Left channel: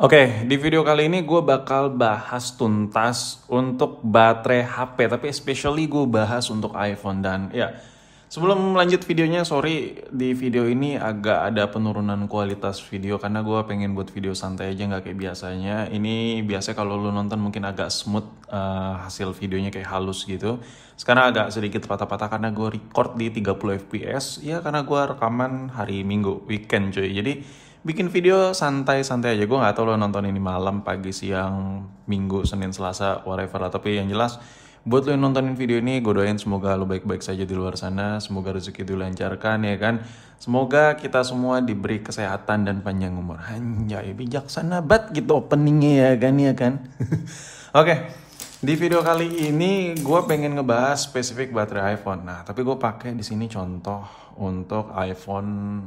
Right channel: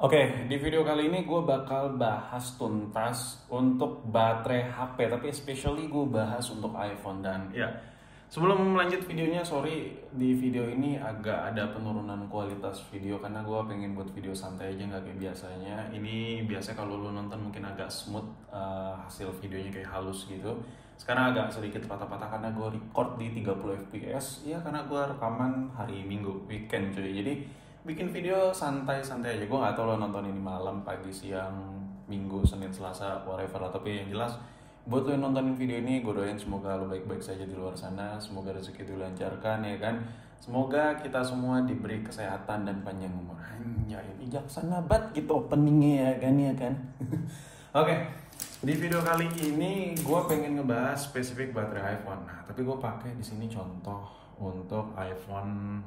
Oke, di video kali ini gue bakal bahas tuntas untuk baterai HP, tapi especially gue bahas untuk iPhone. Dan ya, sebelum lanjut videonya, sorry di video ini agak ada penurunan kualitas video karena gue pengen buat video santai aja, nggak kayak biasanya. Ini biasa kalau lu nonton mungkin agak smooth, hasil videonya kayak halus gitu. Sekarang agak sedikit patah-patah karena gue record di 30 fps, ya karena gue rekaman hari Minggu, weekend cuy. Jadi bikin video santai-santai aja. Gue nggak tahu lo nonton ini malam, pagi, siang, minggu, senin, selasa, whatever lah. Tapi yang jelas buat lo yang nontonin video ini, gue doain semoga lo baik-baik saja di luar sana. Semoga rezeki dilancarkan ya kan. Semoga kita semua diberi kesehatan dan panjang umur. Anjay, bijaksana banget gitu openingnya ya kan. Oke, di video kali ini gue pengen ngebahas spesifik baterai iPhone. Nah, tapi gue pakai di sini contoh untuk iPhone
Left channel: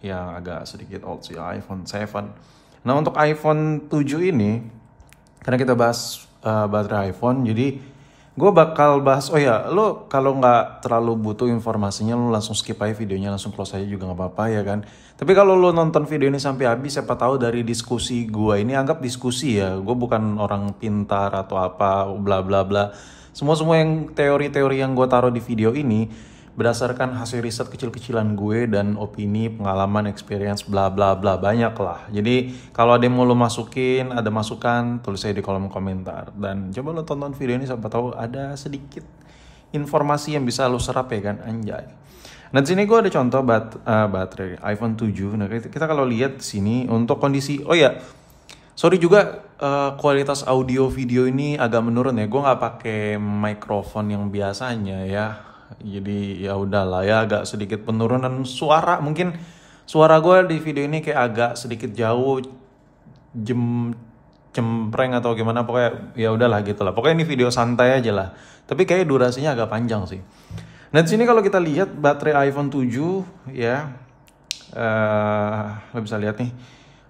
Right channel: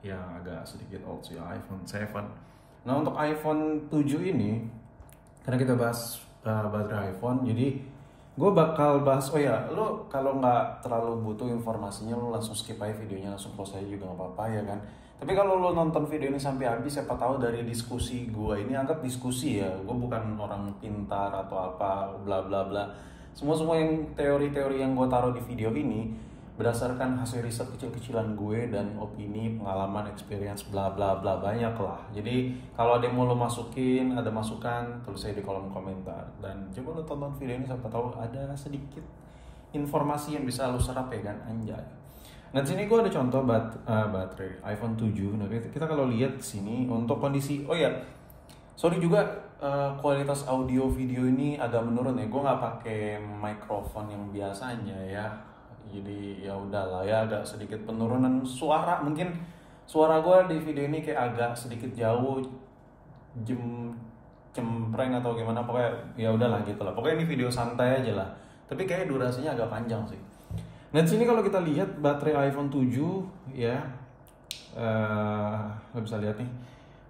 yang agak sedikit old sih, iPhone 7. Nah, untuk iPhone 7 ini, karena kita bahas baterai iPhone, jadi gue bakal bahas, oh ya, lo kalau nggak terlalu butuh informasinya, lo langsung skip aja videonya, langsung close aja juga nggak apa-apa ya kan. Tapi kalau lo nonton video ini sampai habis, siapa tahu dari diskusi gue ini, anggap diskusi ya, gue bukan orang pintar atau apa, bla bla bla. Semua yang teori-teori yang gue taruh di video ini berdasarkan hasil riset kecil-kecilan gue dan opini, pengalaman, experience, bla bla bla, banyak lah. Jadi kalau ada yang mau lo masukin, ada masukan, tulis aja di kolom komentar. Dan coba lo tonton video ini sampai tahu ada sedikit informasi yang bisa lo serap ya kan, anjay. Nah, di sini gue ada contoh baterai iPhone 7. Nah, kita kalau lihat di sini untuk kondisi, oh ya, sorry juga kualitas audio video ini agak menurun ya. Gue nggak pakai mikrofon yang biasanya ya. Jadi ya udahlah ya, agak sedikit penurunan suara. Mungkin suara gue di video ini kayak agak sedikit jauh, cempreng atau gimana, pokoknya ya udahlah gitu lah. Pokoknya ini video santai aja lah. Tapi kayak durasinya agak panjang sih. Nah, di sini kalau kita lihat baterai iPhone 7 ya, lo bisa lihat nih,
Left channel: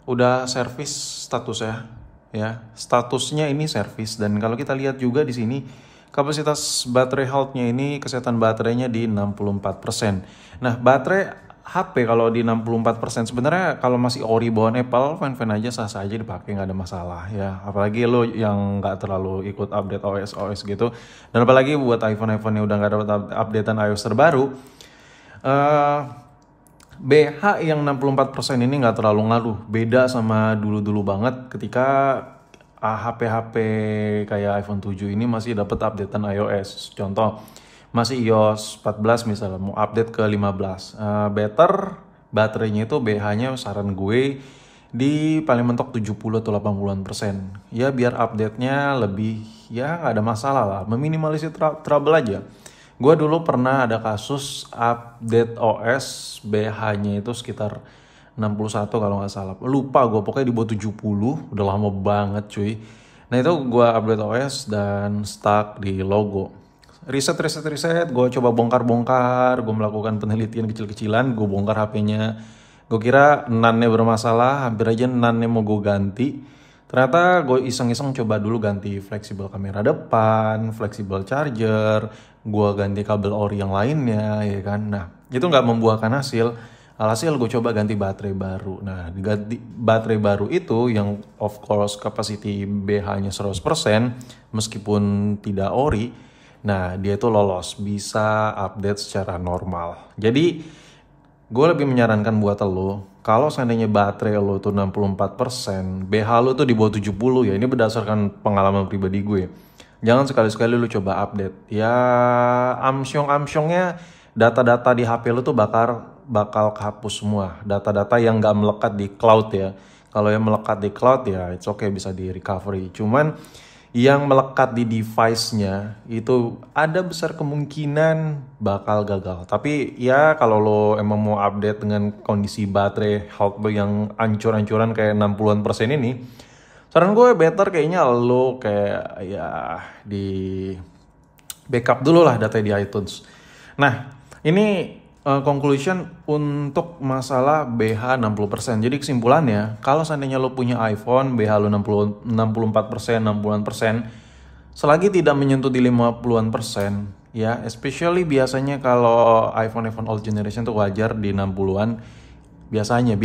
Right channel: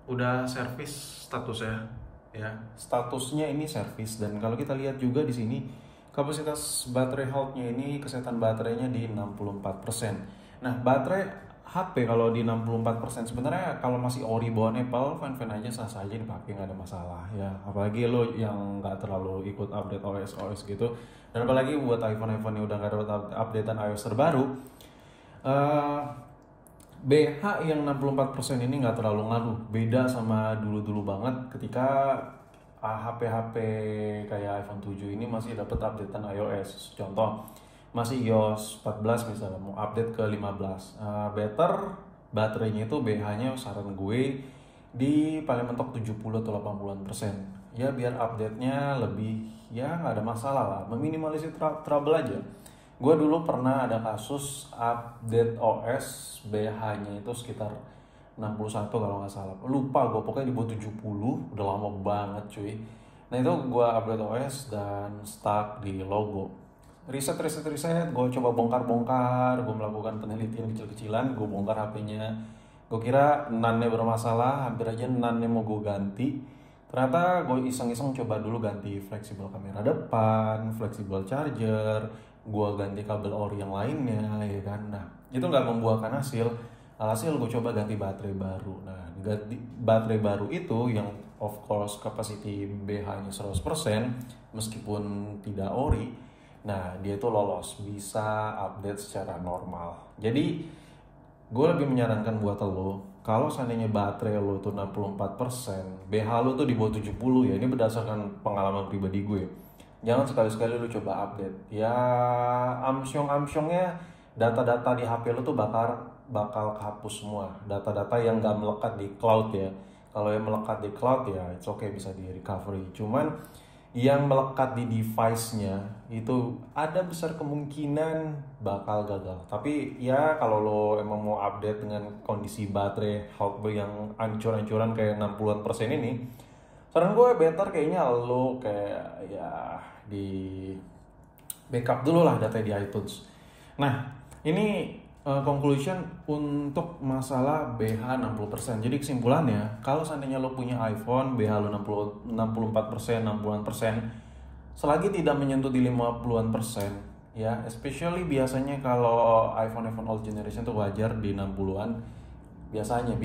udah servis statusnya ya. Statusnya ini servis, dan kalau kita lihat juga di sini kapasitas baterai health-nya ini, kesehatan baterainya di 64%. Nah, baterai HP kalau di 64%, sebenarnya kalau masih ori bawaan Apple, fan-fan aja, sah-sah aja dipakai, nggak ada masalah ya. Apalagi lo yang nggak terlalu ikut update OS gitu. Dan apalagi buat iPhone yang udah nggak dapat updatean iOS terbaru, BH yang 64% ini nggak terlalu ngaruh. Beda sama dulu-dulu banget ketika HP-HP kayak iPhone 7 ini masih dapat updatean iOS. Contoh, masih iOS 14 misalnya, mau update ke 15. Better baterainya itu BH-nya saran gue di paling mentok 70 atau 80%. Ya biar update-nya lebih, ya nggak ada masalah lah. Meminimalisir trouble aja. Gue dulu pernah ada kasus update OS BH-nya itu sekitar 61 kalau nggak salah, lupa gue, pokoknya di bawah 70, udah lama banget cuy. Nah, itu gue update OS dan stuck di logo. Riset, gue coba bongkar, gue melakukan penelitian kecil-kecilan, gue bongkar HP-nya. Gue kira NAND-nya bermasalah, hampir aja NAND-nya mau gue ganti. Ternyata gue iseng-iseng coba dulu ganti fleksibel kamera depan, fleksibel charger, gue ganti kabel ori yang lainnya ya kan. Nah, itu nggak membuahkan hasil. Alhasil gue coba ganti baterai baru. Nah, ganti baterai baru itu yang of course capacity BH-nya 100% meskipun tidak ori. Nah, dia itu lolos, bisa update secara normal. Jadi, gue lebih menyarankan buat lo, kalau seandainya baterai lo tuh 64%, BH lo tuh di bawah 70 ya. Ini berdasarkan pengalaman pribadi gue. Jangan sekali-sekali lo coba update. Ya, amsyong-amsyongnya data-data di HP lo tuh bakal kehapus semua. Data-data yang nggak melekat di cloud ya. Kalau yang melekat di cloud ya it's okay, bisa di recovery. Cuman yang melekat di device-nya itu ada besar kemungkinan bakal gagal. Tapi ya kalau lo emang mau update dengan kondisi baterai health yang ancur-ancuran kayak 60% ini, saran gue better kayaknya lo kayak ya di backup dulu lah data di iTunes. Nah, ini conclusion untuk masalah BH 60%. Jadi kesimpulannya, kalau seandainya lo punya iPhone, BH lo 64%, 60%, selagi tidak menyentuh di 50%, ya, especially biasanya kalau iPhone old generation tuh wajar di 60-an. Biasanya,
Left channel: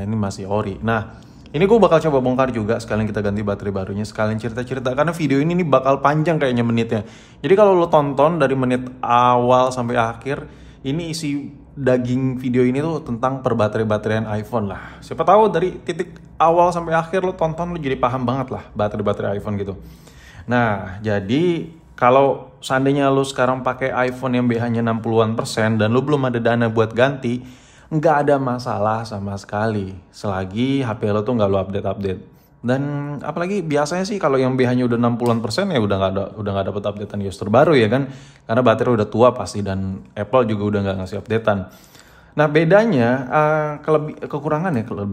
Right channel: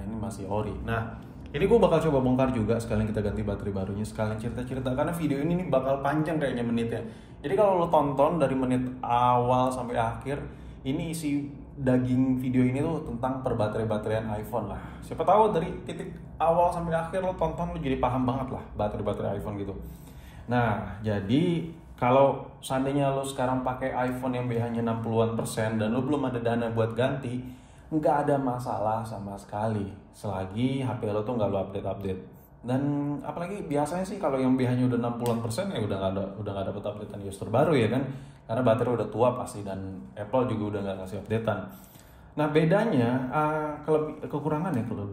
ini masih ori. Nah, Ini gue bakal coba bongkar juga, sekalian kita ganti baterai barunya, sekalian cerita-cerita, karena video ini nih bakal panjang kayaknya menitnya. Jadi kalau lo tonton dari menit awal sampai akhir, ini isi daging video ini tuh tentang perbaterai-bateraian iPhone lah. Siapa tahu dari titik awal sampai akhir lo tonton, lo jadi paham banget lah baterai-baterai iPhone gitu. Nah, jadi kalau seandainya lo sekarang pakai iPhone yang BH-nya 60-an% dan lo belum ada dana buat ganti, nggak ada masalah sama sekali selagi HP lo tuh nggak lo update. Dan apalagi biasanya sih kalau yang BH-nya udah 60-an% ya udah nggak dapet updatean iOS terbaru ya kan, karena baterai udah tua pasti dan Apple juga udah nggak ngasih updatean. Nah bedanya kekurangannya kalau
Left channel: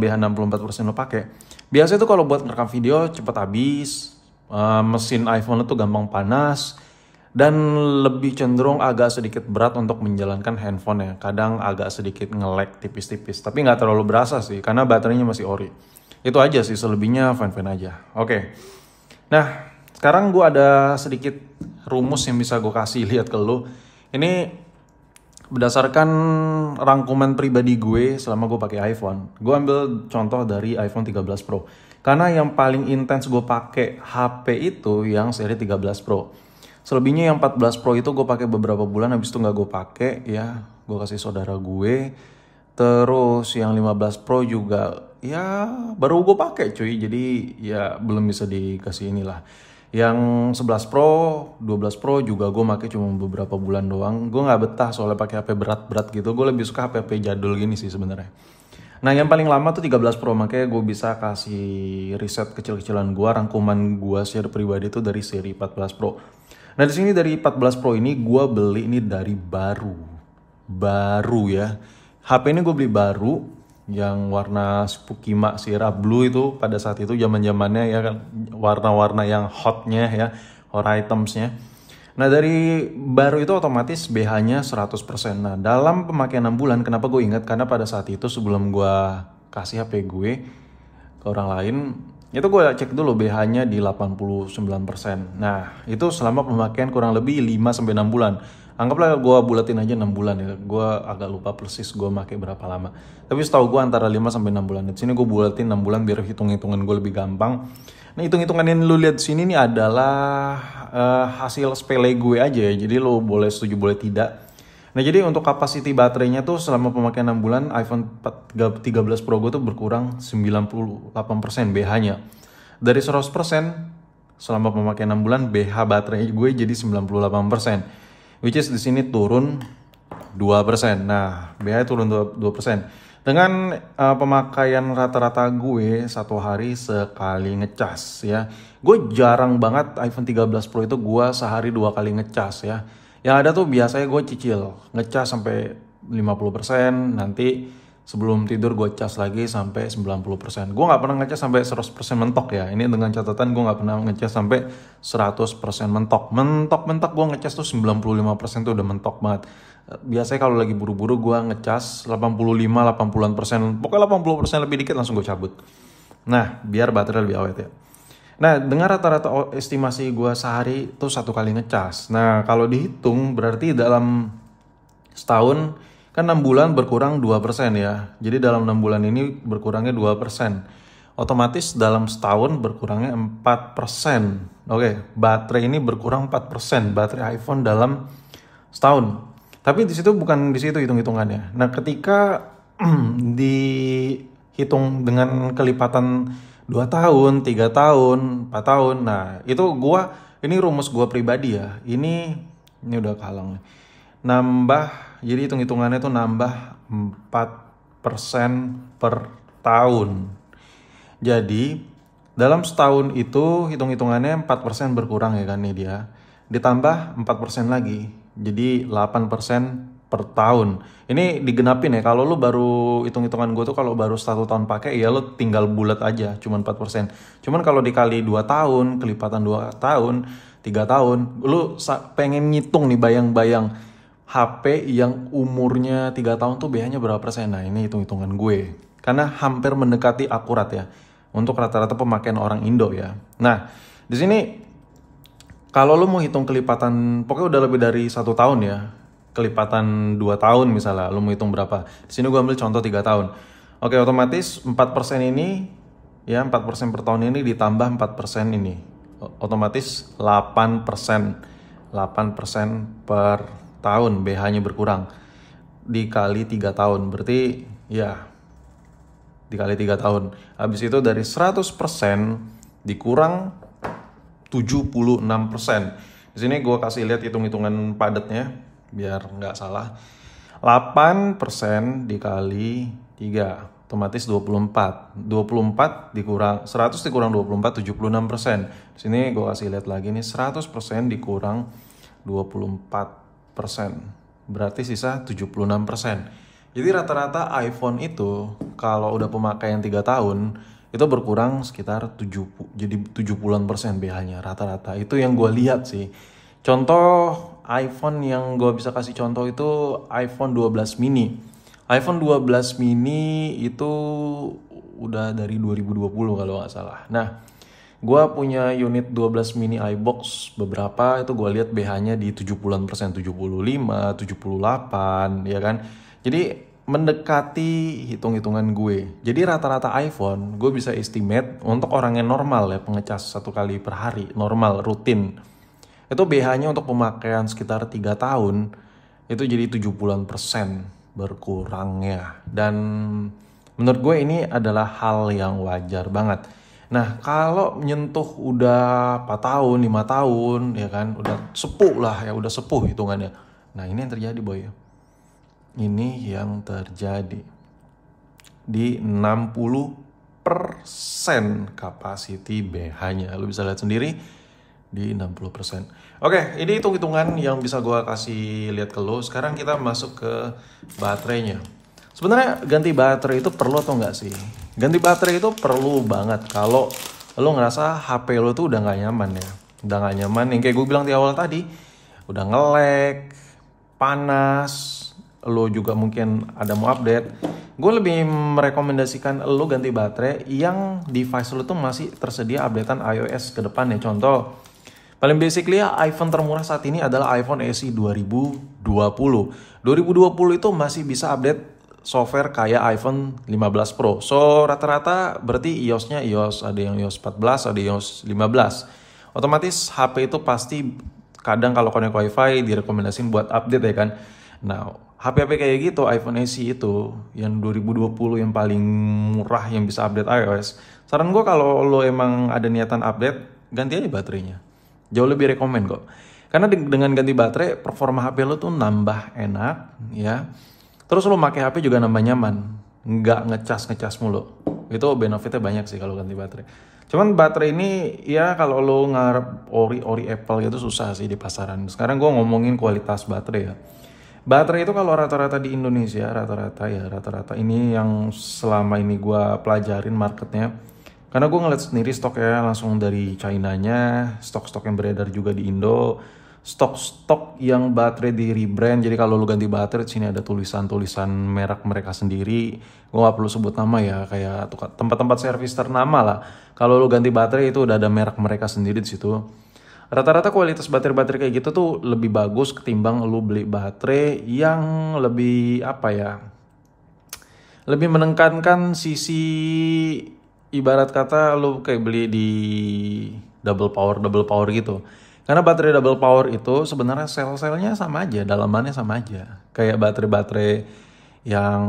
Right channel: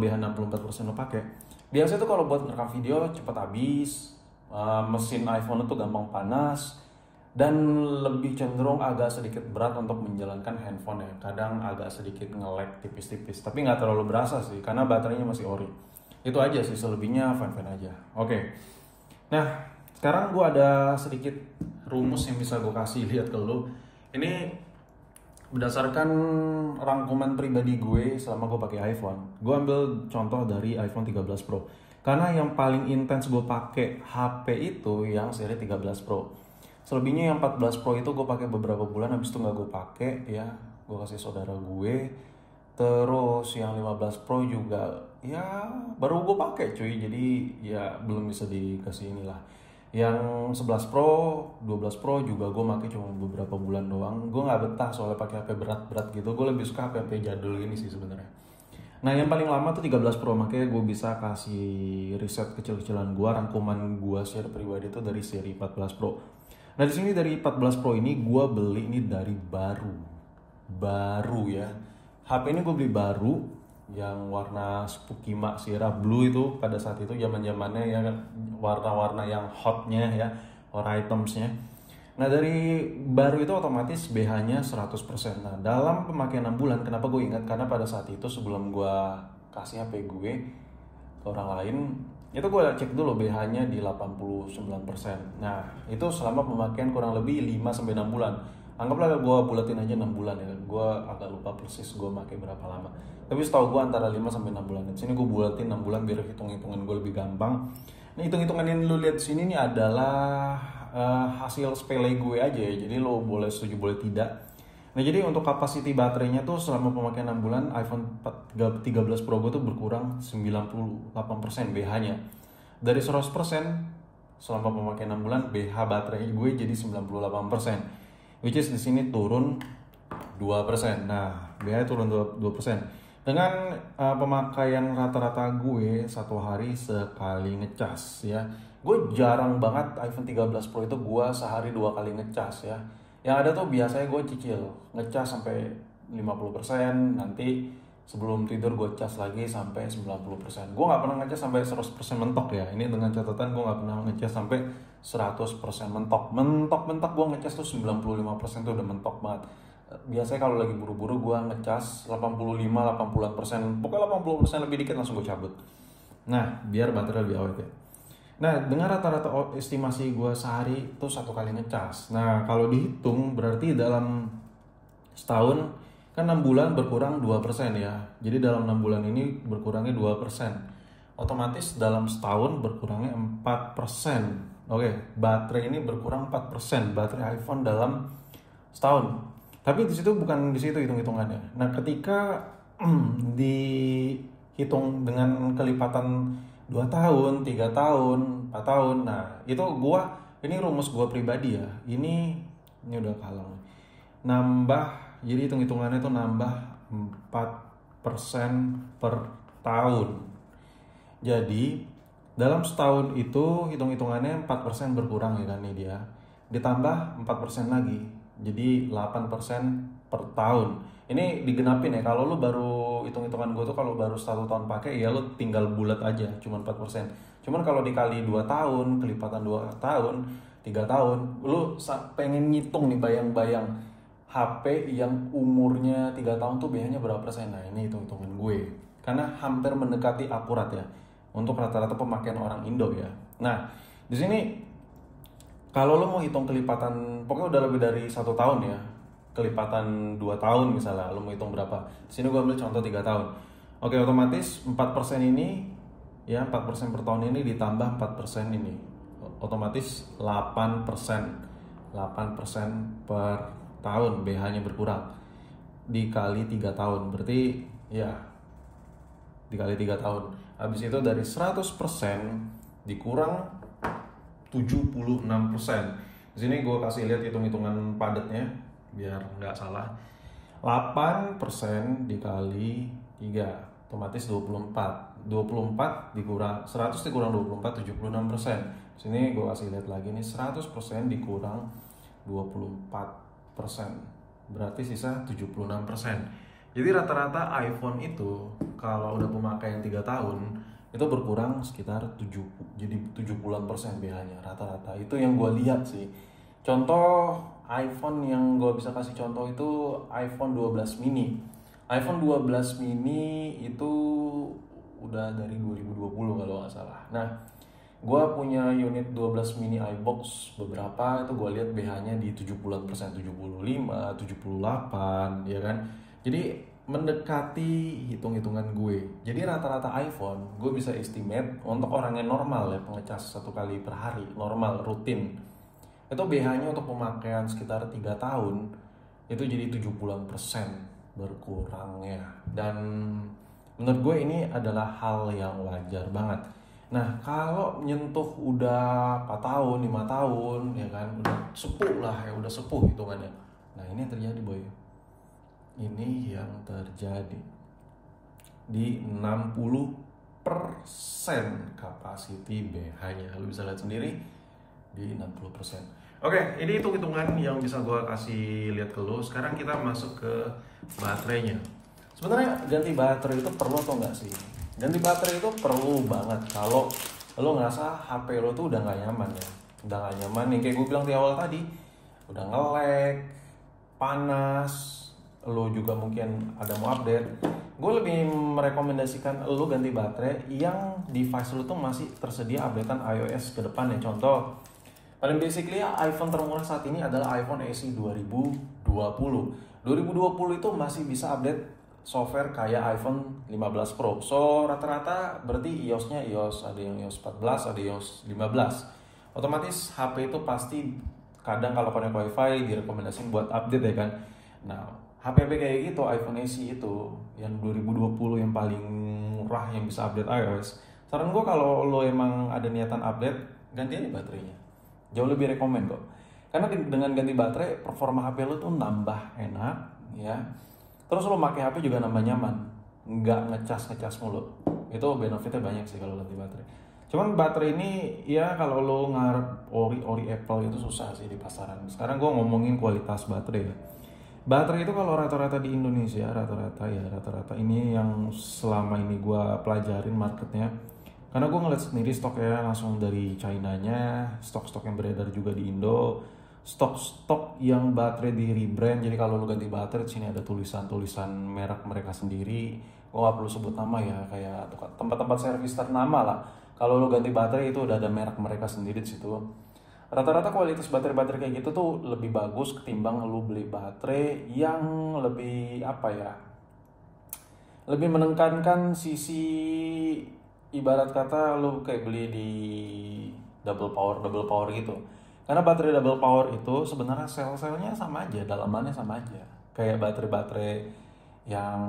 BH 64% lo pakai, biasanya tuh kalau buat ngerekam video cepet habis, mesin iPhone lo tuh gampang panas, dan lebih cenderung agak sedikit berat untuk menjalankan handphone ya. Kadang agak sedikit nge-lag tipis-tipis, tapi nggak terlalu berasa sih karena baterainya masih ori. Itu aja sih, selebihnya fine-fine aja. Oke. Nah, sekarang gue ada sedikit rumus yang bisa gue kasih lihat ke lo. Ini berdasarkan rangkuman pribadi gue selama gue pakai iPhone. Gue ambil contoh dari iPhone 13 Pro. Karena yang paling intens gue pakai HP itu yang seri 13 Pro. Selebihnya yang 14 Pro itu gue pakai beberapa bulan, habis itu nggak gue pakai ya, gue kasih saudara gue. Terus yang 15 Pro juga ya baru gue pakai cuy, jadi ya belum bisa dikasih inilah. Yang 11 Pro, 12 Pro juga gue pakai cuma beberapa bulan doang. Gue nggak betah soalnya pakai HP berat-berat gitu. Gue lebih suka HP jadul gini sih sebenarnya. Nah yang paling lama tuh 13 Pro, makanya gue bisa kasih riset kecil-kecilan gue, rangkuman gue share pribadi tuh dari seri 14 Pro. Nah di sini dari 14 Pro ini gue beli ini dari baru ya. HP ini gue beli baru yang warna Spooky Mak Sierra Blue itu pada saat itu zaman-zamannya ya kan, warna-warna yang hotnya ya, hot itemsnya. Nah dari baru itu otomatis BH-nya 100%. Nah dalam pemakaian 6 bulan, kenapa gue ingat? Karena pada saat itu sebelum gue kasih HP gue ke orang lain, itu gue cek dulu BH-nya di 89%. Nah itu selama pemakaian kurang lebih 5-6 bulan. Anggaplah gue bulatin aja 6 bulan ya. Gue agak lupa persis gue pakai berapa lama, tapi setahu gue antara 5-6 bulan. Di sini gue bulatin 6 bulan biar hitung-hitungan gue lebih gampang. Nah hitung-hitungan yang lu lihat sini nih adalah hasil sepele gue aja ya. Jadi lu boleh setuju boleh tidak. Nah jadi untuk kapasiti baterainya tuh selama pemakaian 6 bulan iPhone 13 Pro gue tuh berkurang 98% BH-nya. Dari 100% selama pemakaian 6 bulan BH baterai gue jadi 98%. Which is di sini turun 2%. Nah BH turun 2%. Dengan pemakaian rata-rata gue satu hari sekali ngecas ya. Gue jarang banget iPhone 13 Pro itu gue sehari 2 kali ngecas ya. Yang ada tuh biasanya gue cicil ngecas sampai 50%, nanti sebelum tidur gue cas lagi sampai 90%. Gue gak pernah ngecas sampai 100% mentok ya. Ini dengan catatan gue gak pernah ngecas sampai 100% mentok. Mentok gue ngecas tuh 95% tuh udah mentok banget. Biasanya kalau lagi buru-buru gue ngecas 85-80%. Pokoknya 80% lebih dikit langsung gue cabut. Nah biar baterai lebih awet ya. Nah dengan rata-rata estimasi gue sehari tuh 1 kali ngecas. Nah kalau dihitung berarti dalam setahun kan 6 bulan berkurang 2% ya. Jadi dalam 6 bulan ini berkurangnya 2%. Otomatis dalam setahun berkurangnya 4%. Oke, baterai ini berkurang 4%. Baterai iPhone dalam setahun. Tapi di situ bukan di situ hitung-hitungannya. Nah ketika dihitung dengan kelipatan 2 tahun, 3 tahun, 4 tahun. Nah itu ini rumus gua pribadi ya. Ini udah kalang nih. Jadi hitung-hitungannya tuh nambah 4% per tahun. Jadi dalam setahun itu hitung-hitungannya 4% berkurang ya kan nih dia. Ditambah 4% lagi. Jadi 8% per tahun. Ini digenapin ya. Kalau lu baru hitung-hitungan gue tuh kalau baru 1 tahun pakai ya lu tinggal bulat aja cuman 4%. Cuman kalau dikali 2 tahun, kelipatan 2 tahun, 3 tahun, lu pengen ngitung nih bayang-bayang HP yang umurnya 3 tahun tuh BH-nya berapa persen. Nah ini hitung-hitungan gue. Karena hampir mendekati akurat ya. Untuk rata-rata pemakaian orang Indo ya. Nah di sini kalau lu mau hitung kelipatan, pokoknya udah lebih dari 1 tahun ya. Kelipatan 2 tahun misalnya, lu mau hitung berapa. Di sini gue ambil contoh 3 tahun. Oke, otomatis 4% ini, ya 4% per tahun ini ditambah 4% ini. Otomatis 8%. 8% per tahun BH-nya berkurang. Dikali 3 tahun, berarti ya dikali 3 tahun. Habis itu dari 100% dikurang 76%. Di sini gue kasih lihat hitung-hitungan padatnya biar nggak salah. 8% dikali 3 otomatis 24. 24 dikurang 100 dikurang 24 76%. Di sini gue kasih lihat lagi nih, 100% dikurang 24%. Berarti sisa 76%. Jadi rata-rata iPhone itu kalau udah pemakaian 3 tahun itu berkurang sekitar 70% BH-nya rata-rata. Itu yang gue lihat sih. Contoh iPhone yang gue bisa kasih contoh itu iPhone 12 mini. iPhone 12 mini itu udah dari 2020 kalau nggak salah. Nah, gue punya unit 12 mini iBox beberapa, itu gue lihat BH-nya di 70%, 75, 78, ya kan. Jadi mendekati hitung-hitungan gue. Jadi rata-rata iPhone gue bisa estimate untuk orang yang normal ya, pengecas 1 kali per hari, normal, rutin. Itu BH-nya untuk pemakaian sekitar 3 tahun itu jadi 70% berkurangnya. Dan menurut gue ini adalah hal yang wajar banget. Nah, kalau menyentuh udah 4 tahun, 5 tahun, ya kan, udah sepuh lah ya, udah sepuh hitungannya. Nah, ini yang terjadi boy. Ini yang terjadi di 60% capacity BH-nya. Lu bisa lihat sendiri di 60%. Oke, ini hitung-hitungan yang bisa gue kasih lihat ke lu. Sekarang kita masuk ke baterainya. Sebenarnya ganti baterai itu perlu atau enggak sih? Ganti baterai itu perlu banget kalau lo ngerasa HP lo tuh udah nggak nyaman ya. Udah nggak nyaman, yang kayak gue bilang di awal tadi. Udah nge-lag, panas, lo juga mungkin ada mau update. Gue lebih merekomendasikan lo ganti baterai yang device lo tuh masih tersedia updatean iOS ke depan ya. Contoh, paling basically ya, iPhone termurah saat ini adalah iPhone SE 2020. 2020 itu masih bisa update software kayak iPhone 15 Pro. So rata-rata berarti iOS-nya ada yang iOS 14, ada yang iOS 15. Otomatis HP itu pasti kadang kalau connect WiFi direkomendasiin buat update ya kan. Nah, HP-HP kayak gitu, iPhone SE itu yang 2020 yang paling murah yang bisa update iOS. Saran gue kalau lo emang ada niatan update, ganti aja baterainya. Jauh lebih rekomen kok. Karena dengan ganti baterai, performa HP lo tuh nambah enak ya. Terus lo pakai HP juga nambah nyaman, nggak ngecas mulu. Itu benefitnya banyak sih kalau ganti baterai. Cuman baterai ini ya kalau lo ngarep ori Apple gitu susah sih di pasaran. Sekarang gue ngomongin kualitas baterai ya. Baterai itu kalau rata-rata di Indonesia, rata-rata ini yang selama ini gue pelajarin marketnya. Karena gue ngeliat sendiri stoknya langsung dari China-nya, stok-stok yang beredar juga di Indo, stok-stok yang baterai di rebrand. Jadi kalau lu ganti baterai, sini ada tulisan-tulisan merek mereka sendiri. Gue gak perlu sebut nama ya, kayak tempat-tempat servis ternama lah. Kalau lu ganti baterai itu udah ada merek mereka sendiri di situ. Rata-rata kualitas baterai-baterai kayak gitu tuh lebih bagus ketimbang lu beli baterai yang lebih lebih menekankan sisi, ibarat kata lu kayak beli di double power gitu. Karena baterai double power itu sebenarnya sel-selnya sama aja, dalamannya sama aja. Kayak baterai-baterai yang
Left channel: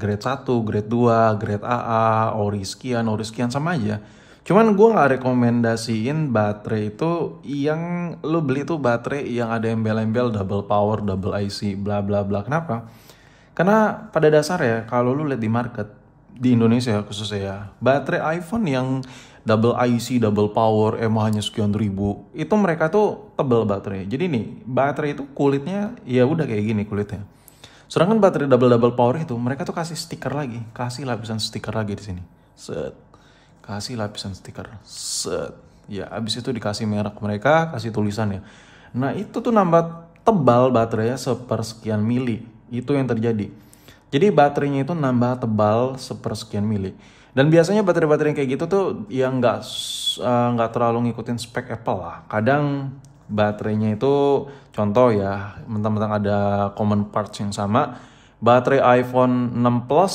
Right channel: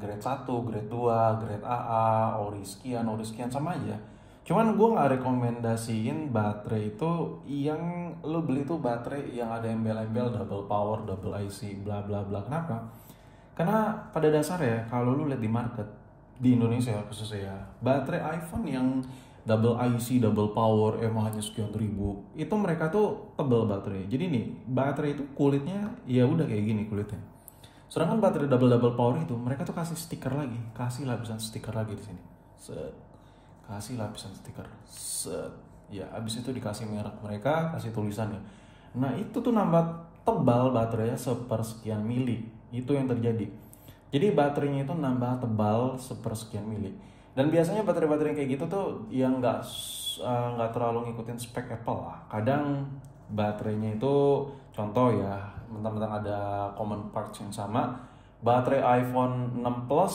grade 1, grade 2, grade AA, ori sekian sama aja. Cuman gue gak rekomendasiin baterai itu yang lu beli tuh baterai yang ada embel-embel double power, double IC, bla bla bla. Kenapa? Karena pada dasarnya kalau lu lihat di market di Indonesia khususnya ya, baterai iPhone yang double IC, double power, mAh-nya sekian ribu, itu mereka tuh tebal baterai. Jadi nih, baterai itu kulitnya ya udah kayak gini kulitnya. Sedangkan baterai double power itu mereka tuh kasih stiker lagi, kasih lapisan stiker lagi di sini. Set. Kasih lapisan stiker. Set. Ya, abis itu dikasih merek mereka, kasih tulisannya. Nah, itu tuh nambah tebal baterainya sepersekian mili. Itu yang terjadi. Jadi baterainya itu nambah tebal sepersekian mili. Dan biasanya baterai-baterai kayak gitu tuh yang nggak terlalu ngikutin spek Apple lah. Kadang baterainya itu contoh ya, mentang-mentang ada common parts yang sama. Baterai iPhone 6 Plus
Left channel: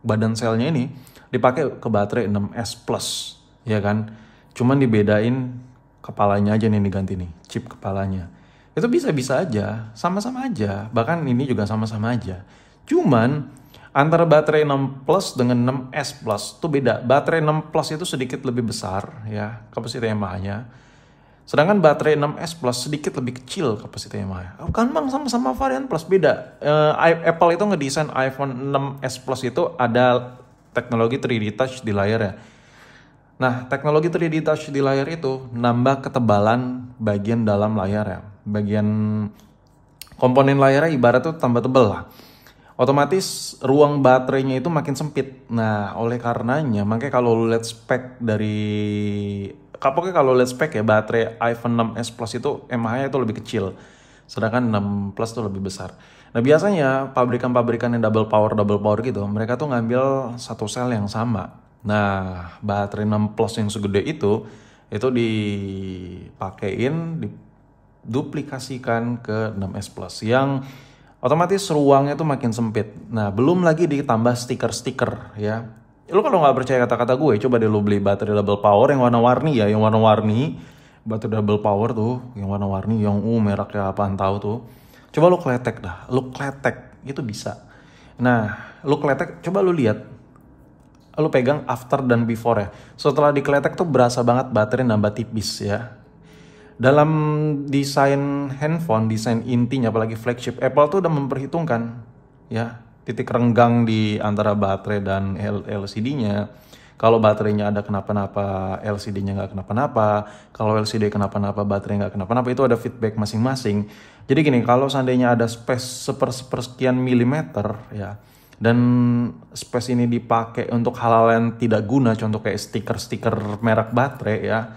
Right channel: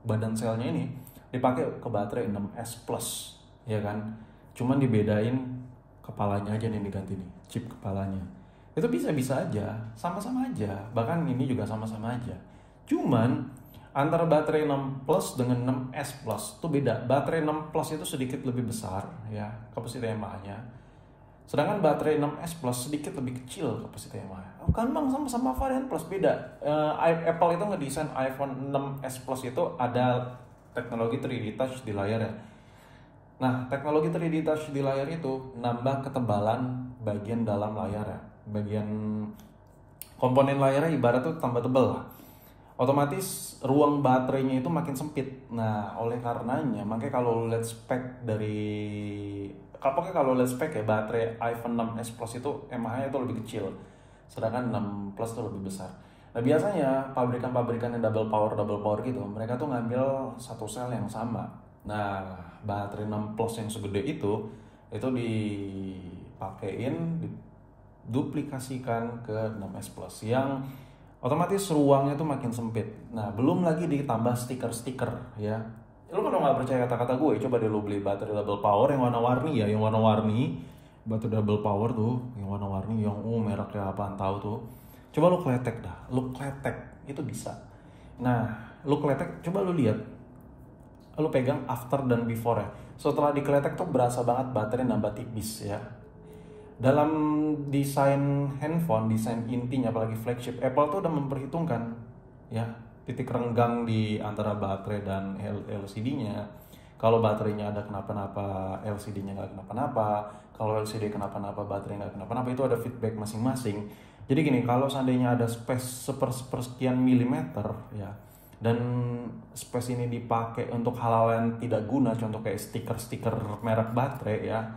badan selnya ini dipakai ke baterai 6S Plus, ya kan? Cuman dibedain kepalanya aja nih diganti nih, chip kepalanya. Itu bisa-bisa aja, sama-sama aja. Bahkan ini juga sama-sama aja. Cuman antara baterai 6 Plus dengan 6S Plus itu beda. Baterai 6 Plus itu sedikit lebih besar ya, kapasitas mAh-nya. Sedangkan baterai 6S Plus sedikit lebih kecil kapasitas mAh. Kan bang, sama-sama varian Plus, beda. Apple itu ngedesain iPhone 6S Plus itu ada teknologi 3D Touch di layarnya. Nah, teknologi 3D Touch di layar itu nambah ketebalan bagian dalam layar ya. Bagian komponen layarnya ibarat tuh tambah tebel lah. Otomatis ruang baterainya itu makin sempit. Nah, oleh karenanya, makanya kalau lu lihat spek kalau lihat spek ya, baterai iPhone 6s Plus itu mAh-nya itu lebih kecil. Sedangkan 6 Plus itu lebih besar. Nah, biasanya pabrikan-pabrikan yang double power gitu, mereka tuh ngambil satu sel yang sama. Nah, baterai 6 Plus yang segede itu dipakein, diduplikasikan ke 6S Plus yang otomatis ruangnya tuh makin sempit. Nah, belum lagi ditambah stiker-stiker ya. Lu kalau nggak percaya kata-kata gue, coba deh lu beli baterai double power yang warna-warni ya, yang warna-warni. Baterai double power tuh, yang warna-warni, yang mereknya apaan tahu tuh. Coba lu kletek dah, lu kletek, itu bisa. Nah, lu kletek, coba lu lihat. Lu pegang after dan before ya. Setelah dikletek tuh berasa banget baterai nambah tipis ya. Dalam desain handphone, desain intinya apalagi flagship, Apple tuh udah memperhitungkan ya titik renggang di antara baterai dan LCD-nya. Kalau baterainya ada kenapa-napa, LCD-nya nggak kenapa-napa. Kalau LCD kenapa-napa, baterai nggak kenapa-napa, itu ada feedback masing-masing. Jadi gini, kalau seandainya ada space sepersekian milimeter ya, dan space ini dipakai untuk hal-hal yang tidak guna, contoh kayak stiker-stiker merek baterai ya,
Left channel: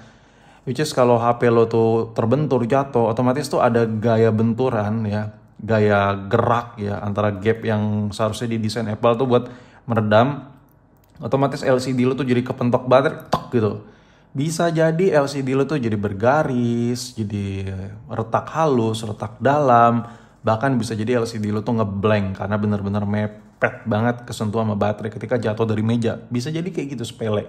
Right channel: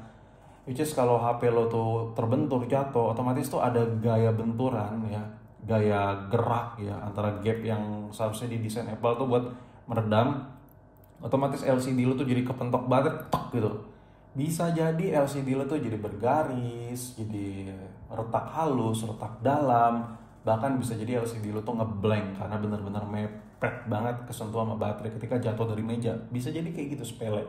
which is kalau HP lo tuh terbentur, jatuh, otomatis tuh ada gaya benturan ya, gaya gerak ya, antara gap yang seharusnya didesain Apple tuh buat meredam. Otomatis LCD lo tuh jadi kepentok baterai, tok gitu. Bisa jadi LCD lo tuh jadi bergaris, jadi retak halus, retak dalam. Bahkan bisa jadi LCD lo tuh ngeblank karena bener-bener mepet banget kesentuh sama baterai ketika jatuh dari meja. Bisa jadi kayak gitu, sepele.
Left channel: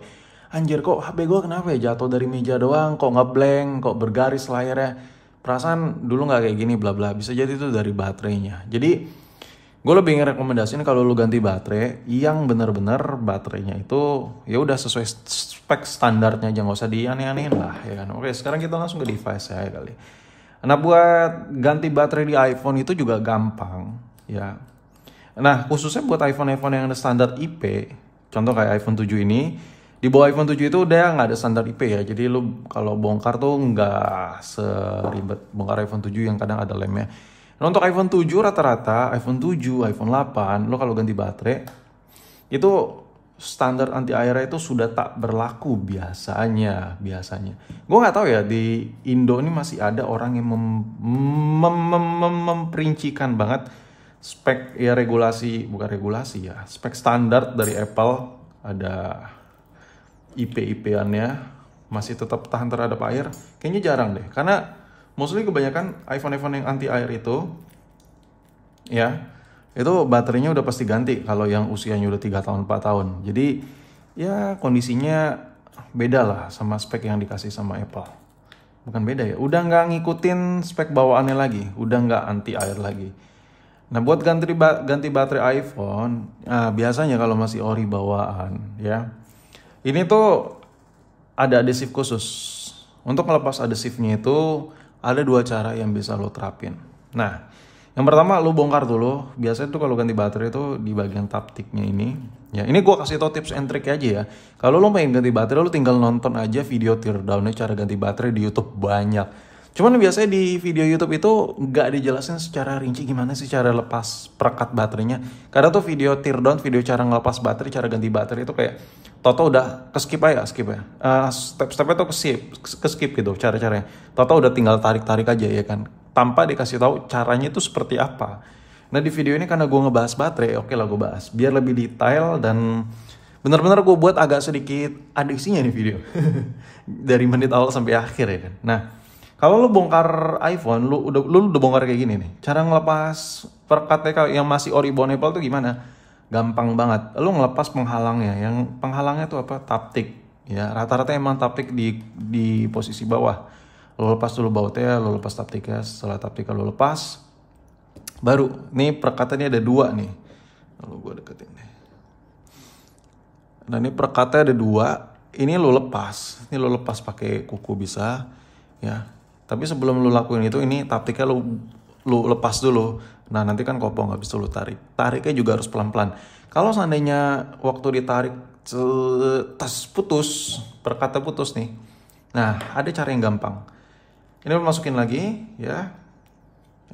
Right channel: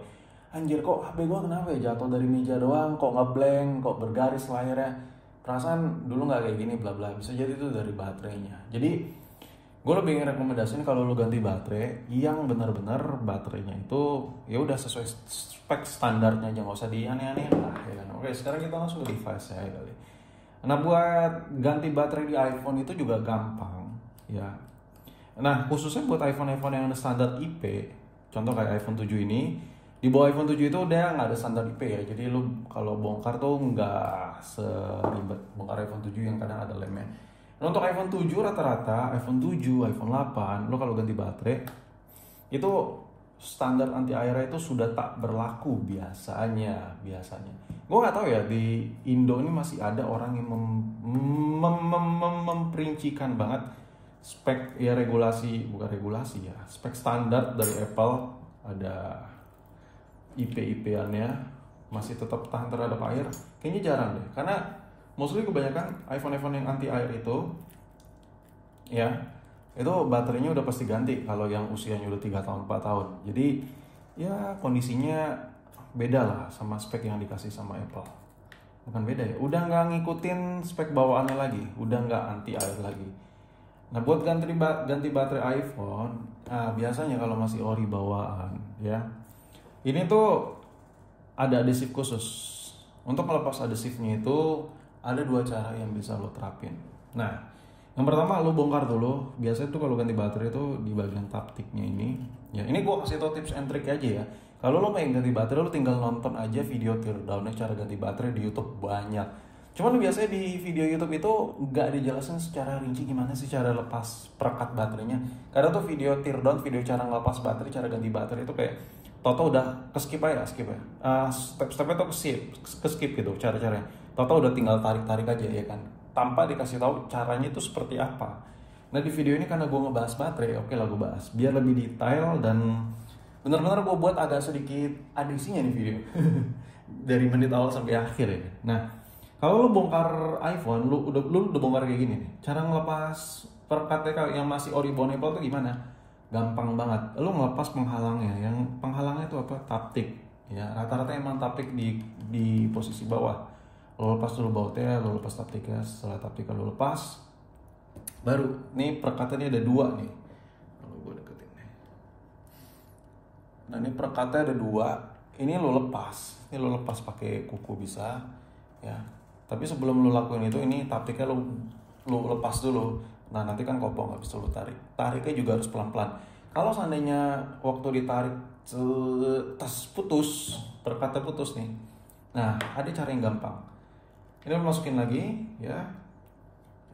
Anjir, kok HP gue kenapa ya jatuh dari meja doang, kok ngeblank, kok bergaris layarnya, perasaan dulu nggak kayak gini, bla bla. Bisa jadi itu dari baterainya. Jadi gue lebih ngerekomendasiin kalau lu ganti baterai yang bener-bener baterainya itu ya udah sesuai spek standarnya aja, nggak usah dianeh-anehin lah ya kan. Oke, sekarang kita langsung ke device saya kali. Nah, buat ganti baterai di iPhone itu juga gampang ya. Nah, khususnya buat iPhone-iPhone yang ada standar IP, contoh kayak iPhone 7 ini, di bawah iPhone 7 itu udah nggak ada standar IP ya. Jadi lu kalau bongkar tuh nggak seribet bongkar iPhone 7 yang kadang ada lemnya. Nah, untuk iPhone 7 rata-rata, iPhone 7, iPhone 8, lu kalau ganti baterai itu standar anti airnya itu sudah tak berlaku biasanya. Gue nggak tahu ya di Indo ini masih ada orang yang memperincikan banget spek ya, bukan regulasi ya, spek standar dari Apple, ada IP-IP-annya masih tetap tahan terhadap air. Kayaknya jarang deh, karena mostly kebanyakan iPhone yang anti air itu ya, itu baterainya udah pasti ganti kalau yang usianya udah 3 tahun 4 tahun. Jadi ya kondisinya beda lah sama spek yang dikasih sama Apple. Bukan beda ya, udah nggak ngikutin spek bawaannya lagi, udah nggak anti air lagi. Nah, buat ganti baterai iPhone, biasanya kalau masih ori bawaan ya, ini tuh ada adhesif khusus. Untuk melepas adhesifnya itu ada 2 cara yang bisa lo terapin. Nah, yang pertama lo bongkar dulu. Biasanya tuh kalau ganti baterai itu di bagian taptiknya ini. Ya, ini gue kasih tau tips and trick aja ya. Kalau lo pengen ganti baterai, lo tinggal nonton aja video teardown-nya cara ganti baterai di YouTube, banyak. Cuman biasanya di video YouTube itu nggak dijelasin secara rinci gimana sih cara lepas perekat baterainya. Karena tuh video teardown, video cara ngelepas baterai, cara ganti baterai itu kayak Toto udah skip ya. Step-stepnya tuh skip gitu cara-caranya. Toto udah tinggal tarik-tarik aja ya kan, tanpa dikasih tahu caranya itu seperti apa. Nah, di video ini karena gue ngebahas baterai, oke lah gue bahas biar lebih detail dan benar-benar gue buat agak sedikit adiksinya nih video dari menit awal sampai akhir ya kan. Nah, kalau lu bongkar iPhone, lu udah bongkar kayak gini nih. Cara ngelepas perekatnya yang masih ori bondable tuh gimana? gampang banget. Lu ngelepas penghalangnya, yang penghalangnya tuh apa? Taptik. Ya, rata-rata emang taptik di posisi bawah. Lu lepas dulu bautnya, lu lepas taptiknya. Setelah taptiknya lu lepas, baru nih perekatnya ada 2 nih. Lalu gue deketin deh. Nah, ini perekatnya ada 2. Ini lu lepas. Ini lu lepas pakai kuku bisa, ya. Tapi sebelum lu lakuin itu, ini taptiknya lu lepas dulu. Nah, nanti kan kopong, nggak bisa lu tarik. Tariknya juga harus pelan-pelan. Kalau seandainya waktu ditarik tas putus, perekatnya putus nih. Nah, ada cara yang gampang. Ini lu masukin lagi, ya.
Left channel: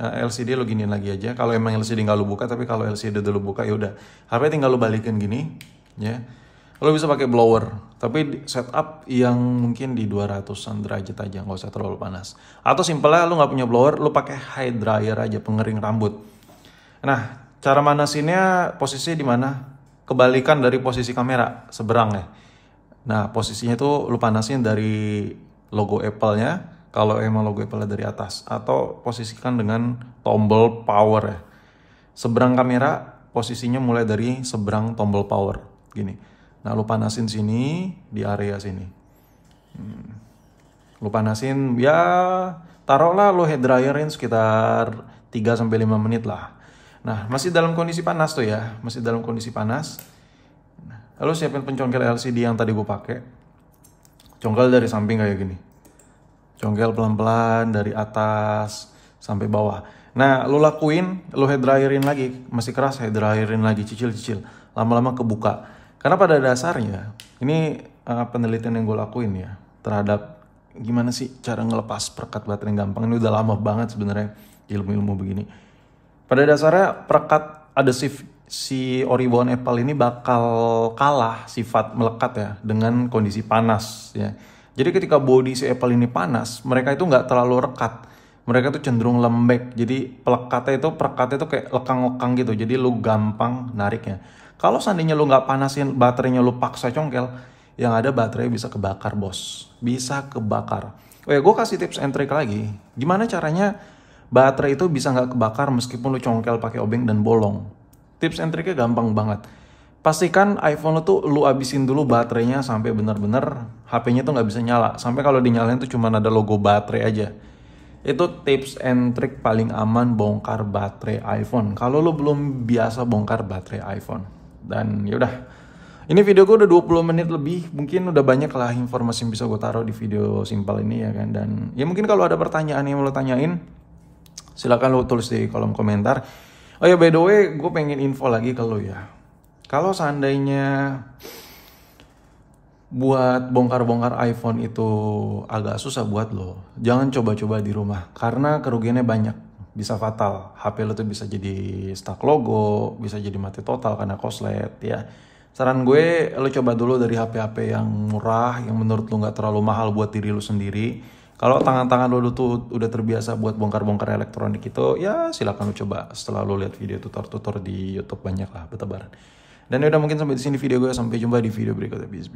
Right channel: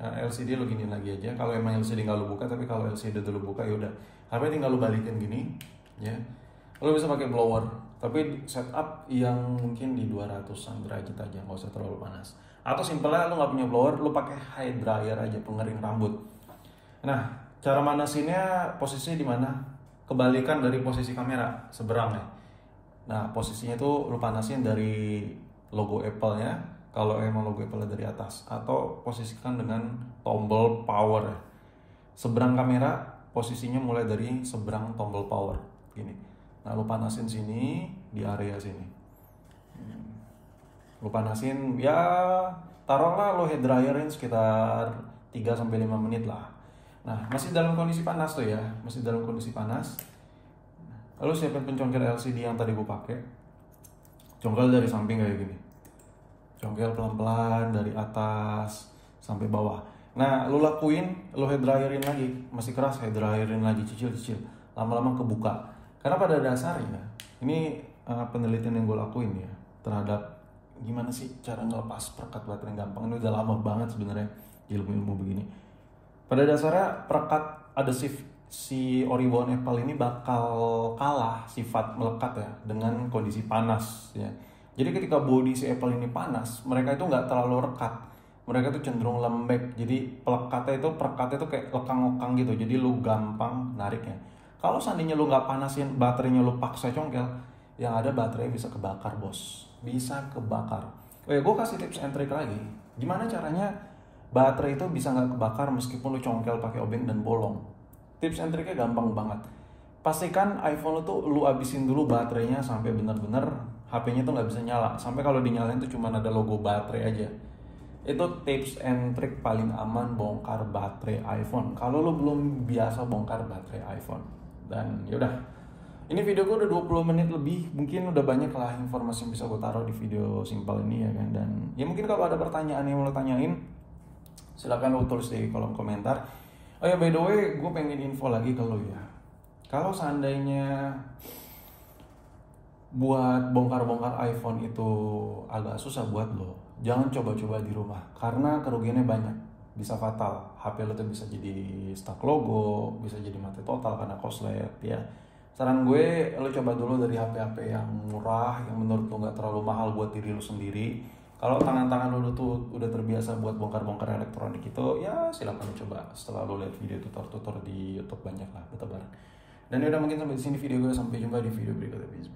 LCD lu giniin lagi aja. Kalau emang LCD nggak lu buka, tapi kalau LCD udah lu buka, ya udah. HP tinggal lu balikin gini, ya. Lo bisa pakai blower, tapi setup yang mungkin di 200-an derajat aja, nggak usah terlalu panas. Atau simpelnya lo nggak punya blower, lo pakai high dryer aja, pengering rambut. Nah, cara manasinnya posisinya di mana? Kebalikan dari posisi kamera, seberang ya. Nah, posisinya tuh lo panasin dari logo Apple-nya, kalau emang logo Apple-nya dari atas. Atau posisikan dengan tombol power ya. Seberang kamera, posisinya mulai dari seberang tombol power, gini. Nah, lu panasin sini, di area sini. Lu panasin, ya taruhlah lu head dryerin sekitar 3-5 menit lah. Nah, masih dalam kondisi panas tuh ya, masih dalam kondisi panas. Lalu siapin pencongkel LCD yang tadi gue pakai. Congkel dari samping kayak gini. Congkel pelan-pelan dari atas sampai bawah. Nah, lu lakuin, lu head dryerin lagi, masih keras, head dryerin lagi, cicil-cicil. Lama-lama kebuka. Karena pada dasarnya, ini penelitian yang gue lakuin ya, terhadap gimana sih cara ngelepas perekat baterai yang gampang. Ini udah lama banget sebenarnya ilmu-ilmu begini. Pada dasarnya perekat adhesif si Oribon Apple ini bakal kalah sifat melekat ya dengan kondisi panas ya. Jadi ketika body si Apple ini panas, mereka itu nggak terlalu rekat. Mereka tuh cenderung lembek. Jadi perekatnya itu kayak lekang-lekang gitu. Jadi lu gampang nariknya. Kalau seandainya lu nggak panasin baterainya, lu paksa congkel, yang ada baterai bisa kebakar bos, bisa kebakar. Oh ya, gue kasih tips and trick lagi. Gimana caranya baterai itu bisa nggak kebakar meskipun lu congkel pakai obeng dan bolong? Tips and tricknya gampang banget. Pastikan iPhone itu lu abisin dulu baterainya sampai bener-bener HP-nya tuh nggak bisa nyala. Sampai kalau dinyalain tuh cuma ada logo baterai aja. Itu tips and trick paling aman bongkar baterai iPhone. Kalau lu belum biasa bongkar baterai iPhone. Dan yaudah, ini video gue udah 20 menit lebih. Mungkin udah banyak lah informasi yang bisa gue taruh di video simpel ini ya kan. Dan ya mungkin kalau ada pertanyaan yang mau lo tanyain, silakan lo tulis di kolom komentar. Oh ya, by the way, gue pengen info lagi ke lo ya. Kalau seandainya buat bongkar-bongkar iPhone itu agak susah buat lo, jangan coba-coba di rumah. Karena kerugiannya banyak. Bisa fatal, HP lo tuh bisa jadi stuck logo, bisa jadi mati total karena korslet ya. Saran gue, lo coba dulu dari HP-HP yang murah, yang menurut lo gak terlalu mahal buat diri lo sendiri. Kalau tangan-tangan lo tuh udah terbiasa buat bongkar-bongkar elektronik itu, ya silakan lo coba setelah lo lihat video tutor-tutor di YouTube banyak lah, bertebaran. Dan udah mungkin sampai di sini video gue, sampai jumpa di video berikutnya. Bis.